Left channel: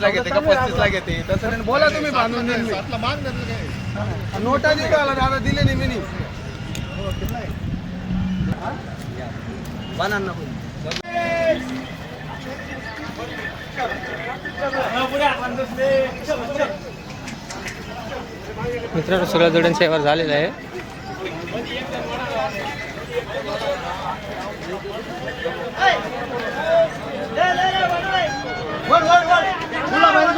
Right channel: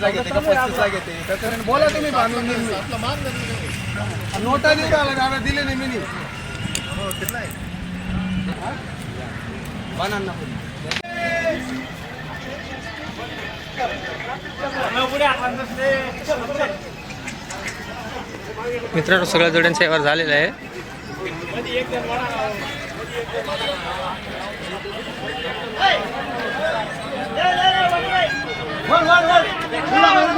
चाळीसला घेते का पस्तीसला घेते तसं नाही बोला तुम्ही बांधून देईन मी नोटा देऊ आला दादा दिले नाही मी नाही. हा? बनाना पण. मित्रांनो सगळ्या जोड्यांचा व्यवहार झालेला आहे वर, वर, वर.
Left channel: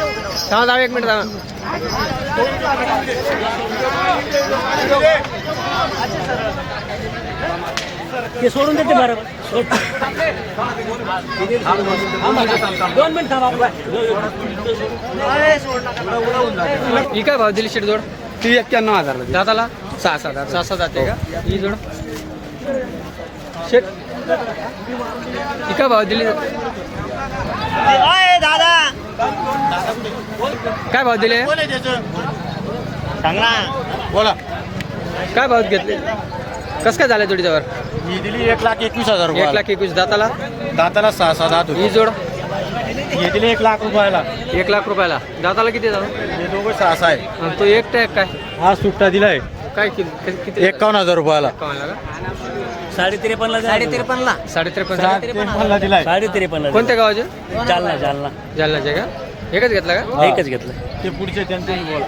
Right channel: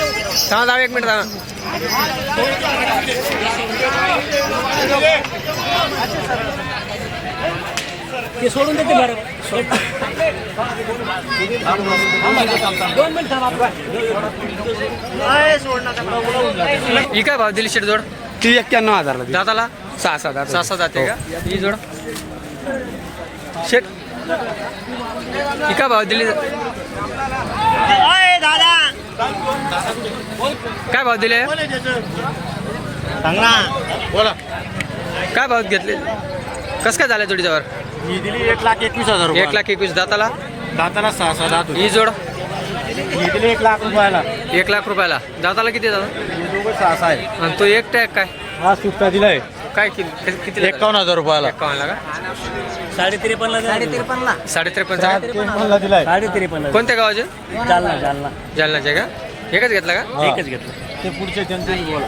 थांबा थांबा एक मिनिट थांबा. ते सोडून देते बरं दोन मिनिट थांबा ही काय भाव दिली शेट जोड? ती एक्क्याण्णव हजार दाताला? सहा सात सहा सहा जाते का? ही. जोड? शेट. ही काय भाव दिली? काय भाव दिले? बोला. काय भाव घेतले? कसं काय झालं जोडीच्यावर? ही दिली एक लाख एकवीस हजार रुपये एक लाख एकवीस. दाताला? दाताला सहा सहा दात ही जोड? ही दिली एक लाख रुपयाला. एक लाख रुपयाला. दाताला किती दादा? हे दोघं सहा सहा आहे. आणि तो एक टॅग काय? हा सुट्टा दिलाय. काय किती किती एकावन्न हजार रुपयाला. एकावन्नला का? साडे त्रेपन्नला साडे त्रेपन्नला साडे त्रेपन्न मला दिलाय. साडे त्रेपन्नला कोणत्या गावाचे? जालना. जालना जालनाचे का? एकच घेतला का? एकच घेतलं. ते पुढचे त्यांचे बोला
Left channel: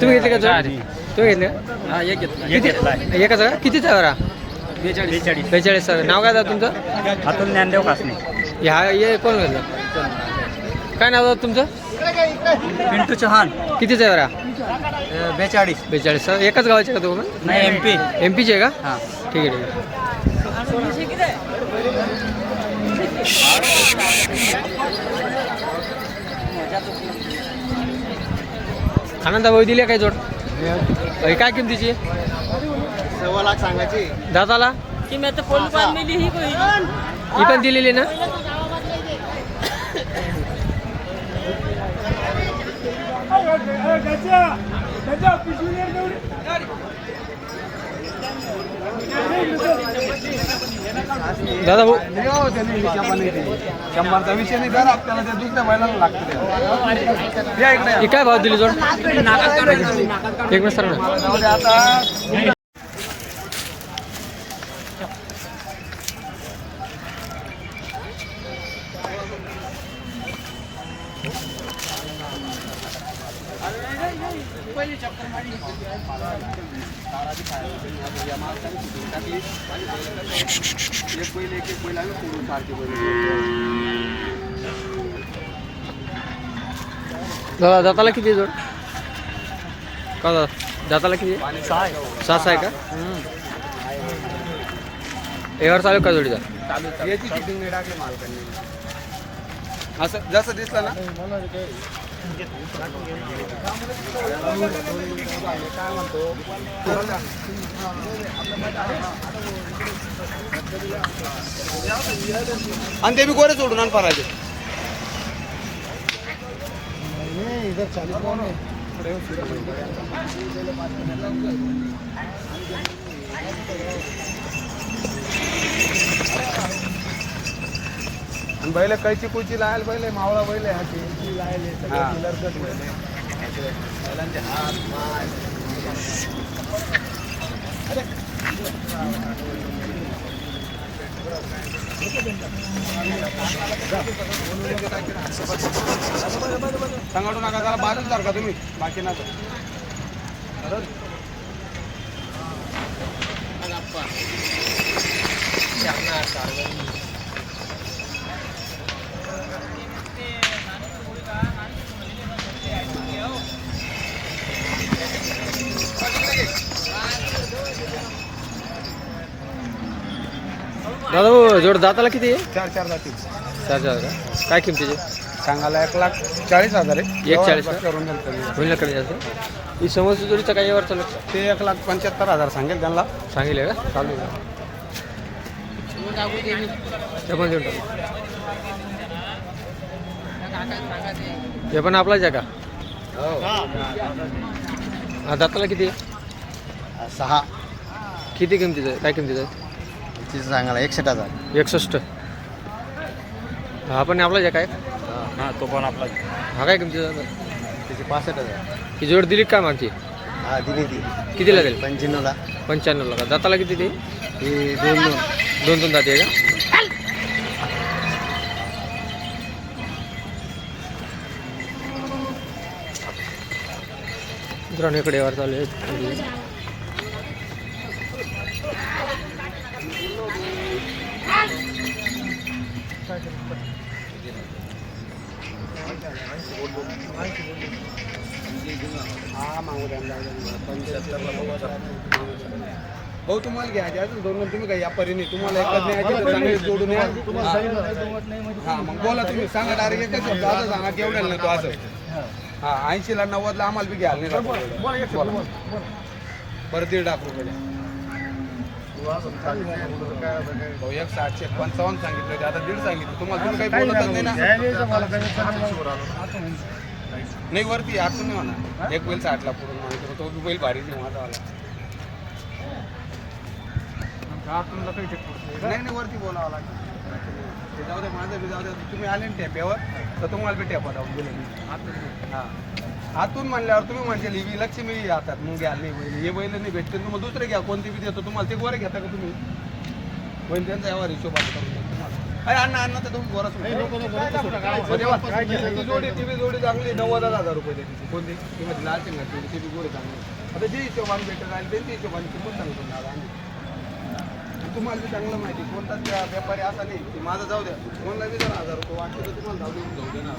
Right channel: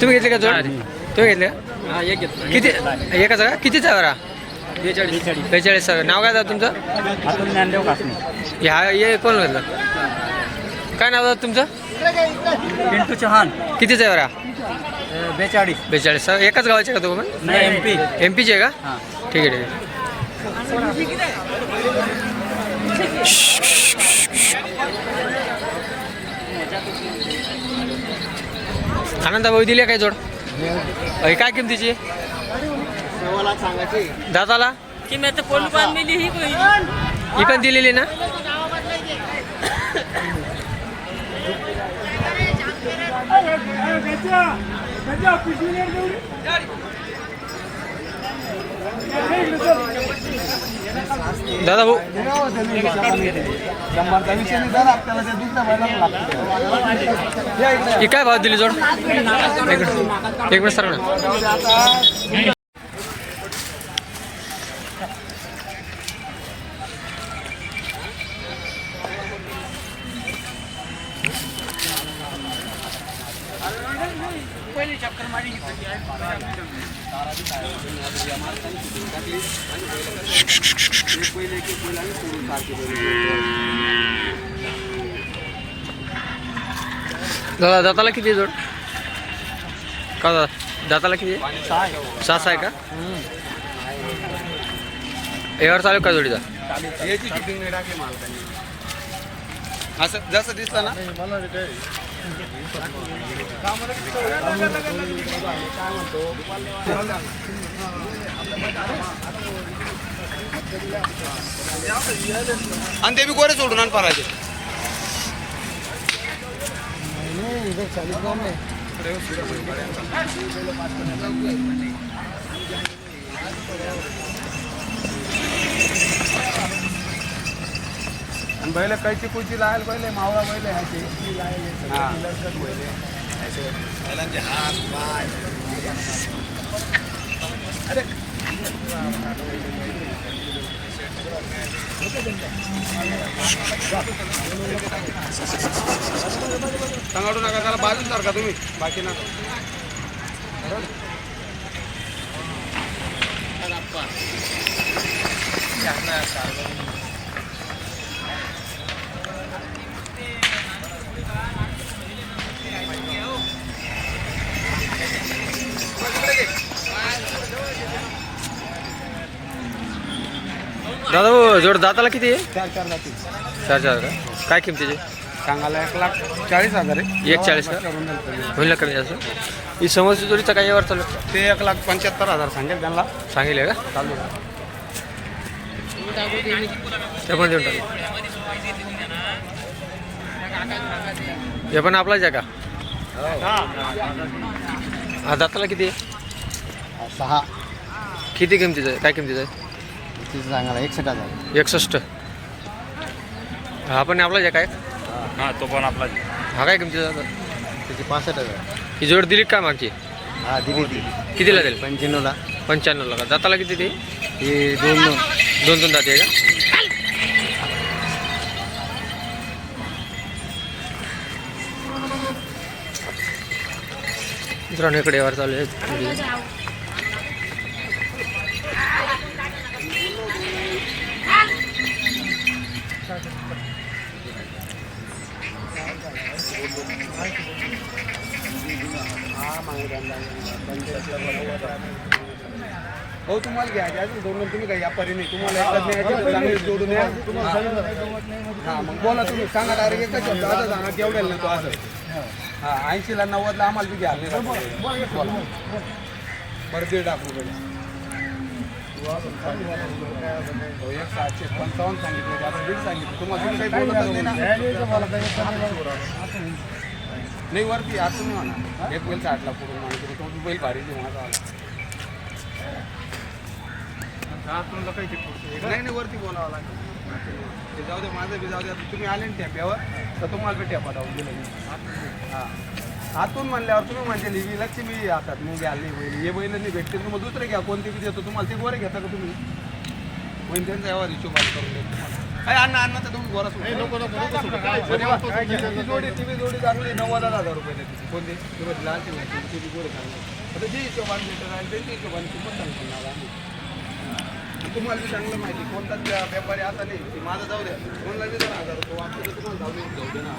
तुम्ही घेतले का जोड? तुम्ही घेतले का? एक घेतलं. किती? एकच का? कितीचा बरा बेचाळीस. बेचाळीस. नाव काय दादा तुमचं? अतुल ज्ञानदेव कासने. ह्या कोण घेतलं? काय नाव दादा तुमचं? पिंटू चव्हाण कितीचं आहे? बरा बेचाळीस. बेचाळीस. एकाच गावाचे का तुम्ही? नाही एम पी एम पीचे आहे का? हां. ठीक आहे ठीक आहे. आनंदा भाऊ दिली काय जोड? अय, काय किमतीची? सव्वा लाख सांगायची दादाला? की मी आता पोल पान मिली ही कोई ही पण दिलेली ना? दादा भाऊ. शंभरचा विषय नाही आपल्याला दुसऱ्या लागतं काय भाव दिली जोड? एक मिनिट सर ना जाऊ दे आता दादा दाताला किती जोड? का दादा? दाताला किती? सहा सहा आहे का? व्यवहार चालू का जोडीचा? याची shooting नाही टाकली मालकांनी. असं जसं दिसलं ना? आणि ते मी गोरे सोडून आण पराजे. आणि बैल कैची कुची लागायला पहिले मावळा बैल आहे हाची. हा. बैलांचे हात पाय. सांगाडू नका त्याला बाजून सारखा तुम्ही. बाकी नका दादा हो, जोड दाताला किती आहे? चार चार जातील चार चार का? काय किमतीचे? सांगायला एक लाख चाळीस हजार आहे. एक चाळीस का? करून. होईल ना कमी जास्त? ही समोरची जोडीचा काय यावर चालू आहे? ते एक लाख पंच्याहत्तर हजार सांगेल त्यांना. सांगितलं का? चालू आहे. ते पण देऊन टाक. हे पण आपलाच आहे का? हा. दाताला किती आहे? सहा. किती किमतीचं आहे? काय किमतीचं आहे? तिचं सांगायला? एकसष्ट हजार. एकसष्ट. हा पण आपलाच आहे काय हा तो पण आपला हा काय किमतीचा? तिची पासष्ट हजार. ही जोड दिली का मागची? हा दिली ती. कितीला दिली? पंच्याण्णवला. पंच्याण्णवला का? दाताला किती ते? ही दोन दोन. दोन दोन दाती आहे का? मित्रांनो इकडे वर चालू आहे हो तुम्हाला घ्या घ्या. दोन दोन तुम्ही काय या परीने तुम्हाला एकच जोडून या. हा मग बोला तुम्ही. सांगा डायरेक्ट एकच शब्द. आता सांगा केवढ्याला नाही तो असं. हा ऐंशीला नव्वदला आम्हाला बी घ्या. बरं दीड लाख रुपये. हो, एक सातशे पंचावन्न सांगितलं. आता दीड सांगितलं. तुम्हाला तुम्ही काही बोलतच नाही ना? नाही वरती आतून नाही म्हणा एक बैल साठला पुढून माणूस तो बी बैल भारी नाही माझा आला. नाही नाही वरती बोलावं लागेल. ते जाऊ दे माझं बी जाऊ दे. तुम्ही आले ना टॅप्यावर तर तुम्हाला बी टॅपा लावून दिले हां. आतून म्हणल्यावर तुम्ही म्हणजे लिवी लक्ष्मी हातात मग घ्या नाही हे बैल नाही भेटते तुम्हाला दुसरं घ्या कोणते बी देतो. तुम्हाला ते गोरे घेता का तुम्ही? होईल त्यांचा यावर हिशोब अण्णा अण्णा तर तुम्ही गोरच जोडी ती बी जोडी चांगली नव्वद हजार रुपये देते. कोणती? तुम्ही लाल ती ती बी गोड चांगली आता जी भेटेल आणि त्यांच्या हिशोबाने किंमत सांगतो. तुम्हाला बी चांगलं माहिती कोणताच व्या- व्यापारी असा नाही ते माझं जाऊ द्या दोन लगेच दोन हजार रुपये वाटतं तर तुम्हाला जाऊ देऊन जाऊ दे ना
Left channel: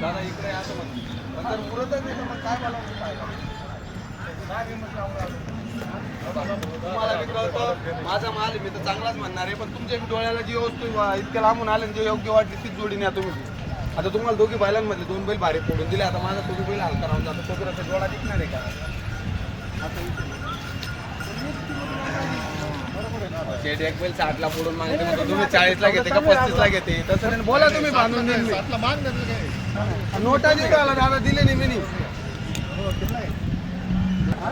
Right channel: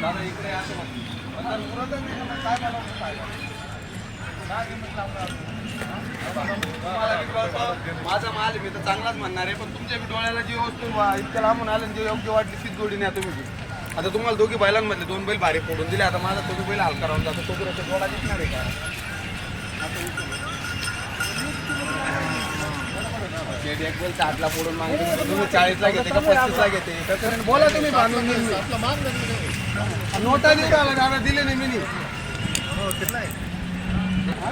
दादा इकडे असं म्हणा नंतर मुरतच नाही काय मला काय माझा माल आहे, मी तर चांगलाच म्हणणार आहे पण तुमच्या बी डोळ्याला जी वस्तू वा- इतक्या लांबून आलं आणि जी योग्य वाटली तीच जोडी न्या तुम्ही. आता तुम्हाला दोघी बैलांमधले दोन बैल भारी फोडून दिले आता माझा दोघी बैल हलका राहून जातो तो बरोबर डोळा दिसणार आहे का? शेट एक बैल साठला फोडून मागते तुम्ही चाळीसला घेते का पस्तीसला घेते? तसं बोला तुम्ही बांधून देईन मी. नोटा देऊ आला दादा दिले नाही मी नी. हा?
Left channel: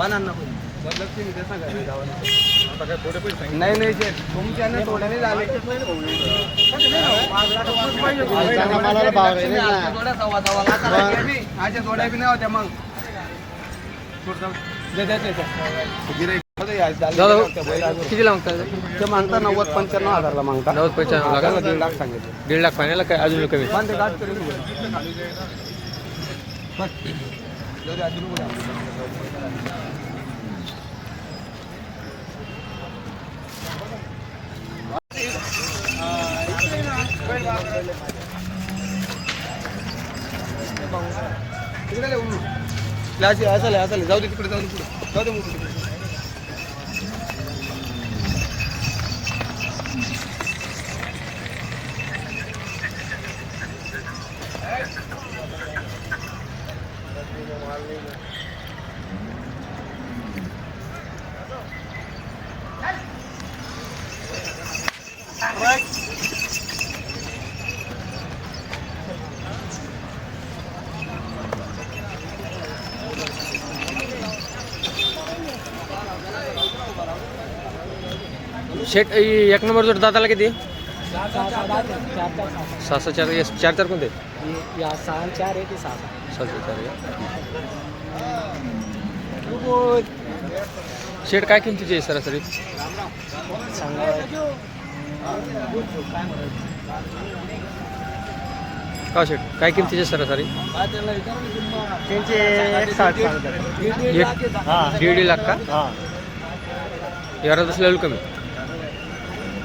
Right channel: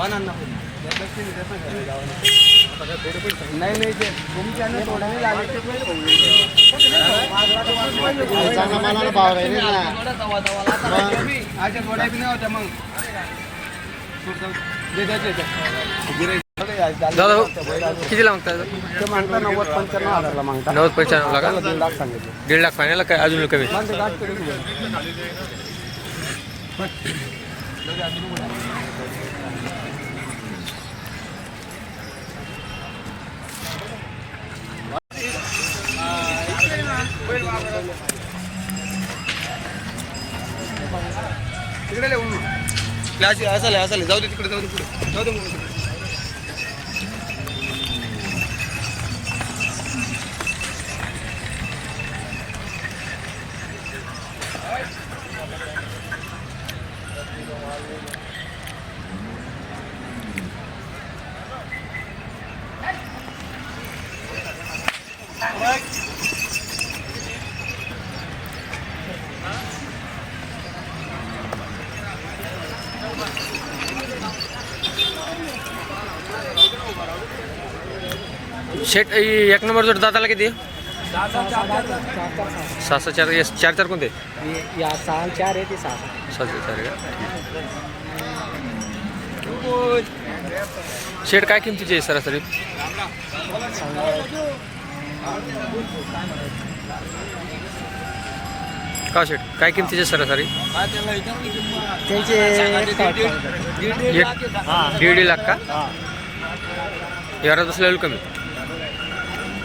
बनाना पण. लक्ष्मी देत ना घरी जाऊन. नाही नाही ते तुमच्याने थोडे नाही झाले आजच्या थोड्या बी नाही होत्या मग दे, दे, दे, दे. दादा हो, बैल अजून. कितीला मागताय ते मागता नव्वद पंच्याण्णव हजारला मागता नव्वद पंच्याण्णवला का दीड लाख सांगितलं दीड लाख फायनल काय अजून कमी क्लास असेल असेल जाऊ दे तिकडे जाऊ दे तिकडे. जाऊ दे मुलं तिकडे. शेट ही एक नंबर जोड दाताला किती आहे? सहा सहा चार यस, चार चार कोणते या सहा चार आहे ते सहा सहा सहा चार आहे का शेट काय किमतीची आहे सरासरी? का शेट काय किमतीचे सरासरी? हा त्याला विचारा ना किंमत. त्यांचे एक साठ सांगतात दीड दीड एक- लाख आहे. हा दीड दीड लाख का? हा. यारात असलेलं कमी.